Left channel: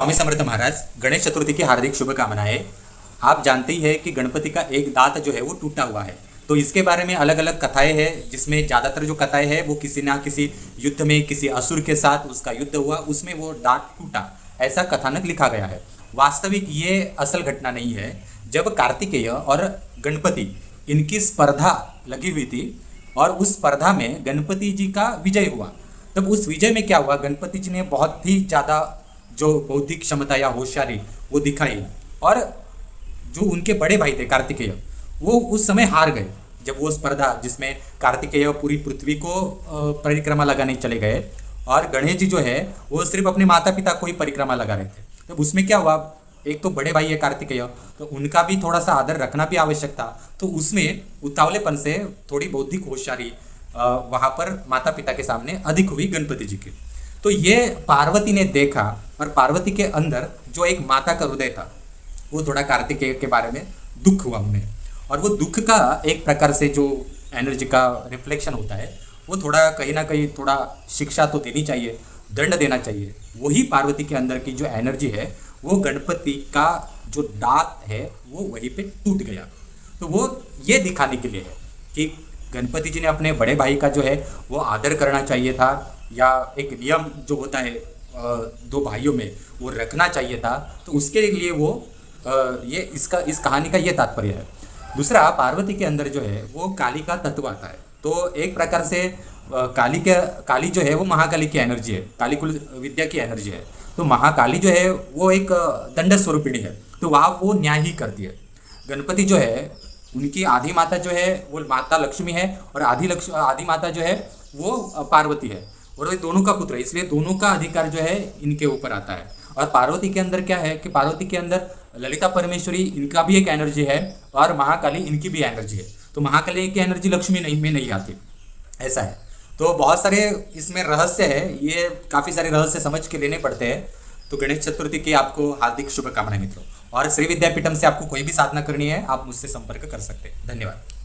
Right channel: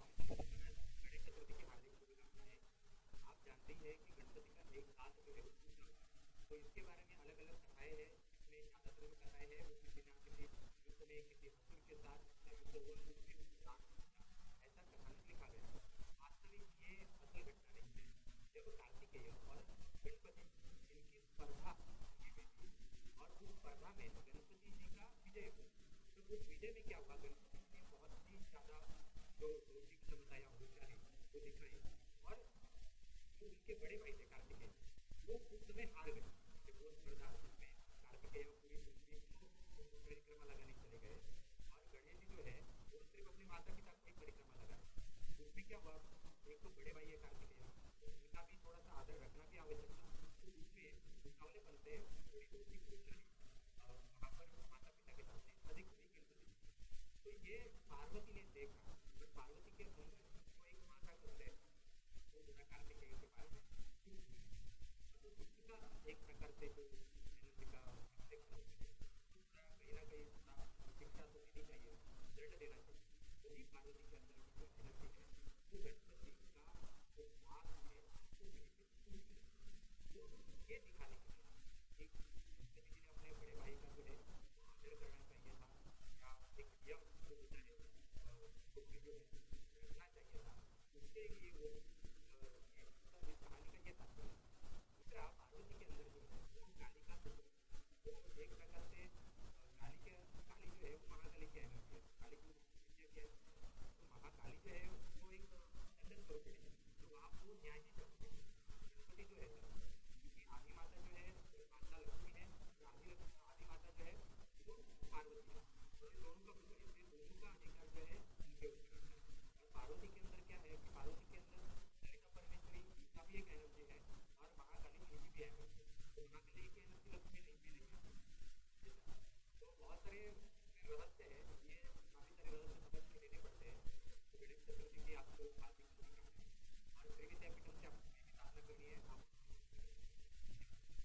स्वामी समर्थ महाराज, गणेश चतुर्थी की हार्दिक शुभकामनाएं। आप जानते ही है कि गणपति का एक दांत जो है वो टूटा हुआ है। तो इसके बारे में अलग अलग कथाएं हैं, जिसमें ज़्यादातर जो कथाएं हैं वो किसी ना किसी युद्ध में किसी असुर के साथ उसका युद्ध हुआ, उसमें वो दांत टूटा, ऐसा कथानक लिखा गया है। वास्तविक ये असल घटना नहीं है। जब कार्तिकेय और गणपति इनकी स्पर्धा लगी हुई थी और उस स्पर्धा में गणपति जी का विजय हुआ, तब उस विजय में क्या हुआ, गणपति जी ने बहुत ही ज़्यादा जो बौद्धिक क्षमता या होशियारी वो दिखाई, और जो उनके बड़े भाई थे कार्तिकेय, वो उस समय हार गए। जब वो स्पर्धा जिसमें कार्तिकेय पूरी पृथ्वी को परिक्रमा लगाने चले गए और गणेश जी जो है वो सिर्फ अपने माता पिता को ही परिक्रमा लगा रहे थे, तब उसमें क्या हुआ, एक तो बड़े भाई है कार्तिकेय, तो उनका भी थोड़ा सा आदर रखना भी आवश्यक था। तो उसमें उतावलेपन से थोड़ी बौद्धिक होशियारी वहाँ पर माता पिता के सामने अधिक हुई गणपति जी की। तो ये पार्वती ने देखा और पार्वती के अंदर जो एक माता का हृदय था वो थोड़ा कार्तिकेय के बारे में दुख हुआ उन्हें, और वो दुख का एक प्रकार से जो एनर्जी का रिफ्लेक्शन होता है वो थोड़ा कहीं ना कहीं थोड़ा शिक्षा तो देनी चाहिए, दंड देना चाहिए। वही पार्वती के अंदर की जो एनर्जी है वो गणपति का जो दांत है वो वहीं पे टूट गया। तो वो ये दिखाने के लिए है कि गणपति जी ने अपने बड़े भाई का जो है वो आदर करना चाहिए था, या एक नियम जो होता है दो भाइयों में वो रखना चाहिए था। तो उसके लिए वो ये इस कहानी का ये तात्पर्य है। दूसरा, पार्वती के अंदर जो है वो काली का तत्व आता है। तो एक प्रकार से काली जो है वो महाकाली की एनर्जी है, काली कुल विद्या की एनर्जी है। तो महाकाली जो है वो एक दंड स्वरूपिणी है, तो वहाँ वो न्याय ही करती है। गणपति जो है उनकी आधी माता जो है वो माता लक्ष्मी है, और आधी माता जो है वो पार्वती है, और ये दोनों का पुत्र है, इसलिए दोनों का अधिकार जो है इनके ऊपर आता है। और पार्वती के अंदर क्या है कि पार्वती के अंदर ललिता परमेश्वरी इनका भी एक एनर्जी है, और महाकाली इनकी भी एनर्जी है। तो महाकाली की एनर्जी लक्ष्मी नहीं में नहीं आती, ऐसा है। तो बहुत सारे इसमें रहस्य है, ये काफ़ी सारे रहस्य समझ के लेने पड़ते हैं। तो गणेश चतुर्थी की आपको हार्दिक शुभकामनाएं मित्रों। और श्री विद्यापीठम से आपको कोई भी साधना करनी है आप मुझसे संपर्क कर सकते हैं। धन्यवाद।